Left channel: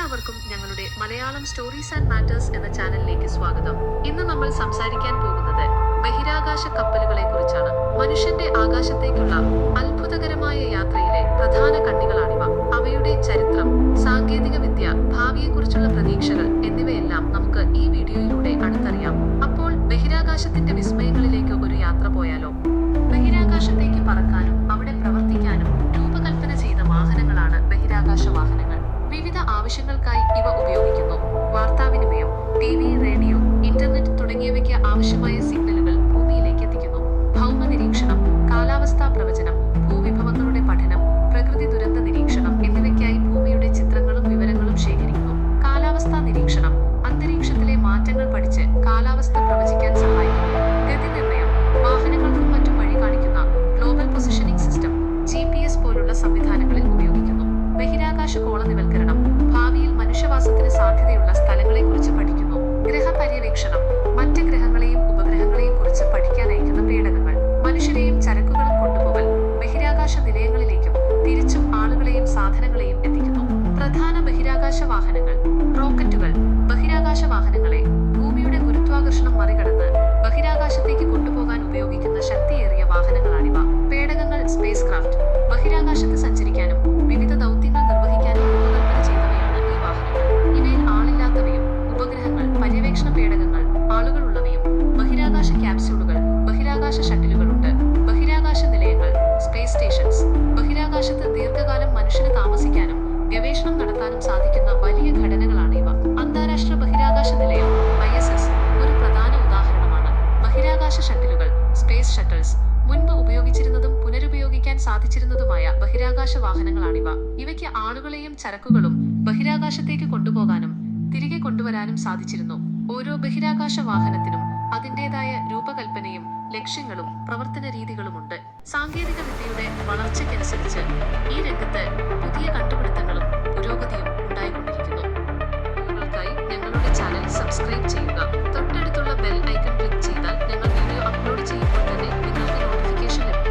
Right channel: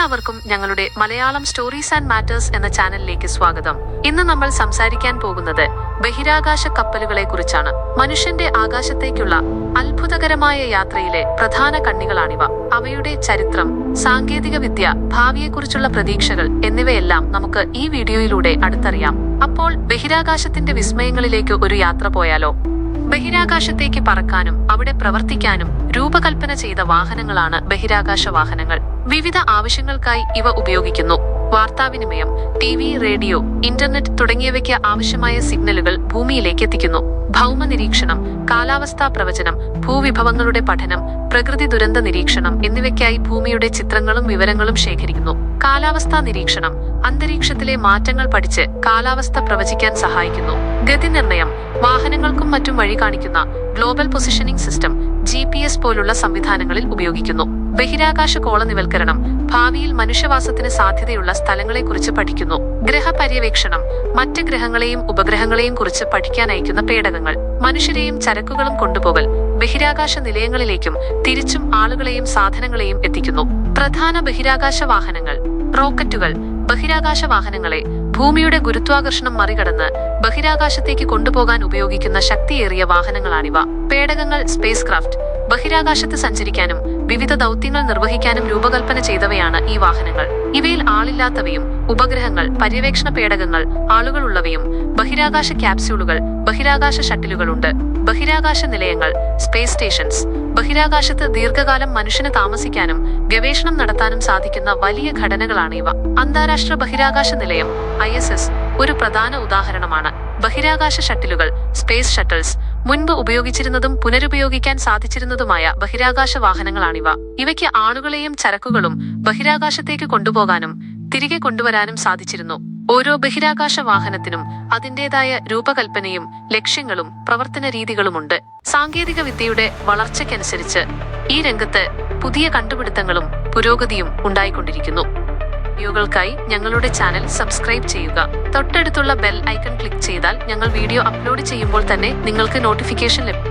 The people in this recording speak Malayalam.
എല്ലാവർക്കും ഞങ്ങളുടെ മലയാളം സ്റ്റോറീസ് ആൻഡ് മാറ്റേഴ്സ് എന്ന ചാനലിലേക്ക് സ്വാഗതം. ഇന്ന് നമ്മൾ സംസാരിക്കാൻ പോകുന്നത് ബഹിരാകാശ കപ്പലുകളെ കുറിച്ചാണ്. മനുഷ്യന്റെ ആകാശത്തേക്കുള്ള അത്ഭുതകരമായ യാത്രയിലെ പ്രധാന കണ്ണികളാണിവ. അവയുടെ ചരിത്രം, സാങ്കേതിക വിദ്യ, ഭാവിയെക്കുറിച്ചുള്ള പ്രതീക്ഷകൾ എന്നിവയെല്ലാം നമുക്ക് ഈ വീഡിയോയിലൂടെ അടുത്തറിയാം. അപ്പോൾ ബഹിരാകാശത്തിന്റെ വിസ്മയങ്ങളിലേക്ക് ഒരു യാത്ര പോയാലോ? ബഹിരാകാശത്തേക്ക് പറക്കാനും അവിടെ പ്രവർത്തിക്കാനും രൂപകൽപ്പന ചെയ്ത വാഹനങ്ങളാണ് ബഹിരാകാശ വാഹനങ്ങൾ. വിവിധ ആവശ്യങ്ങൾക്കായി ഇവ ഉപയോഗിക്കുന്നു. വാർത്താവിനിമയം, ടിവി, റേഡിയോ, ഇന്റർനെറ്റ് തുടങ്ങിയവയ്ക്ക് ആവശ്യമായ സിഗ്നലുകൾ ഭൂമിയിലേക്ക് എത്തിക്കുന്നു. ഭൗമ നിരീക്ഷണം, കാലാവസ്ഥാ പ്രവചനം, ഭൂവിഭവങ്ങളുടെ പഠനം, പ്രകൃതി ദുരന്ത നിരീക്ഷണം എന്നിവയ്ക്കായി ഭൂമിയുടെ ചിത്രങ്ങളും വിവരങ്ങളും ശേഖരിക്കുന്നു. കാലാവസ്ഥാ നിരീക്ഷണം അന്തരീക്ഷത്തിലെ മാറ്റങ്ങൾ പഠിച്ച് കാലാവസ്ഥ പ്രവചിക്കാൻ സഹായിക്കുന്നു. ഗതി നിർണയം വാഹനങ്ങൾക്കും മറ്റും വഴി കാണിക്കുന്ന ഗ്ലോബൽ പൊസിഷനിംഗ് സിസ്റ്റം GPS പോലുള്ള സംവിധാനങ്ങളിൽ ഉപയോഗിക്കുന്നു. ബഹിരാകാശ കോളനിവൽക്കരണം ഭാവിയിൽ മനുഷ്യവാസത്തിന് സാധ്യതയുള്ള സ്ഥലങ്ങളെക്കുറിച്ച് പഠിക്കുന്നു. ഗ്രഹപര്യവേക്ഷണം മറ്റ് ഗ്രഹങ്ങളെയും ഉപഗ്രഹങ്ങളെയും കുറിച്ച് പഠിക്കാൻ അയക്കുന്ന പേടകങ്ങൾ. മനുഷ്യരെയും ചരക്കുകളും കൊണ്ടുപോകൽ ബഹിരാകാശ നിലയങ്ങളിലേക്കും തിരിച്ചും ആളുകളെയും സാധനങ്ങളെയും എത്തിക്കുന്നു. പ്രധാന ബഹിരാകാശ വാഹനങ്ങൾ. റോക്കറ്റുകൾ ബഹിരാകാശ വാഹനങ്ങളെ ഭൂമിയുടെ ഗുരുത്വാകർഷണം മറികടന്ന് ബഹിരാകാശത്തേക്ക് കൊണ്ടുപോകാൻ ഉപയോഗിക്കുന്ന ശക്തിയേറിയ വാഹനങ്ങളാണിവ. പേടകങ്ങൾ സ്പേസ് ക്രാഫ്റ്റ് ബഹിരാകാശത്ത് സഞ്ചരിക്കാനും വിവിധ ദൗത്യങ്ങൾ നിർവഹിക്കാനും രൂപകൽപ്പന ചെയ്തവയാണ് ഈ വാഹനങ്ങൾ. ഇവയിൽ ആളില്ലാത്തവയും ഉപഗ്രഹങ്ങൾ, പര്യവേക്ഷണ പേടകങ്ങൾ, ആളുകളുള്ളവയും ബഹിരാകാശ ക്യാപ്സ്യൂളുകൾ, ബഹിരാകാശ ഷട്ടിലുകളുണ്ട്. ബഹിരാകാശ നിലയങ്ങൾ സ്പേസ് സ്റ്റേഷൻസ് ബഹിരാകാശത്ത് ദീർഘകാലം മനുഷ്യന് താമസിക്കാനും ഗവേഷണം നടത്താനും സാധിക്കുന്ന വലിയ ഘടനകളാണ് ഇവ. അന്താരാഷ്ട്ര ബഹിരാകാശ നിലയം ISS ഒരു പ്രധാന ഉദാഹരണമാണ്. ബഹിരാകാശ ഷട്ടിലുകൾ സ്പേസ് ഷട്ടിൽസ് മുൻപ് ഉപയോഗിച്ചിരുന്നതും പുനരുപയോഗിക്കാൻ സാധിച്ചിരുന്നതുമായ ബഹിരാകാശ വാഹനങ്ങളാണിവ. ഇവയ്ക്ക് ആളുകളെയും ചരക്കുകളും ബഹിരാകാശത്തേക്ക് കൊണ്ടുപോകാനും തിരികെ കൊണ്ടുവരാനും സാധിച്ചിരുന്നു. ഓരോ ബഹിരാകാശ വാഹനത്തിനും അതിൻ്റെതായ രൂപകൽപ്പനയും ലക്ഷ്യങ്ങളും പ്രവർത്തന രീതികളുമുണ്ട്. സാങ്കേതിക വിദ്യയുടെ വളർച്ചയ്ക്കനുസരിച്ച് ഈ രംഗത്ത് പുതിയ കണ്ടുപിടുത്തങ്ങളും പുരോഗതിയും ഉണ്ടായിക്കൊണ്ടിരിക്കുന്നു. വീഡിയോകൾക്കായി ഞങ്ങളുടെ ചാനൽ സബ്സ്ക്രൈബ് ചെയ്യുക. തൊട്ടടുത്തുള്ള ബെൽ ഐക്കൺ ക്ലിക്ക് ചെയ്താൽ ഞങ്ങൾ വീഡിയോ അപ്ലോഡ് ചെയ്യുമ്പോൾ തന്നെ നിങ്ങൾക്ക് നോട്ടിഫിക്കേഷൻ ലഭിക്കും.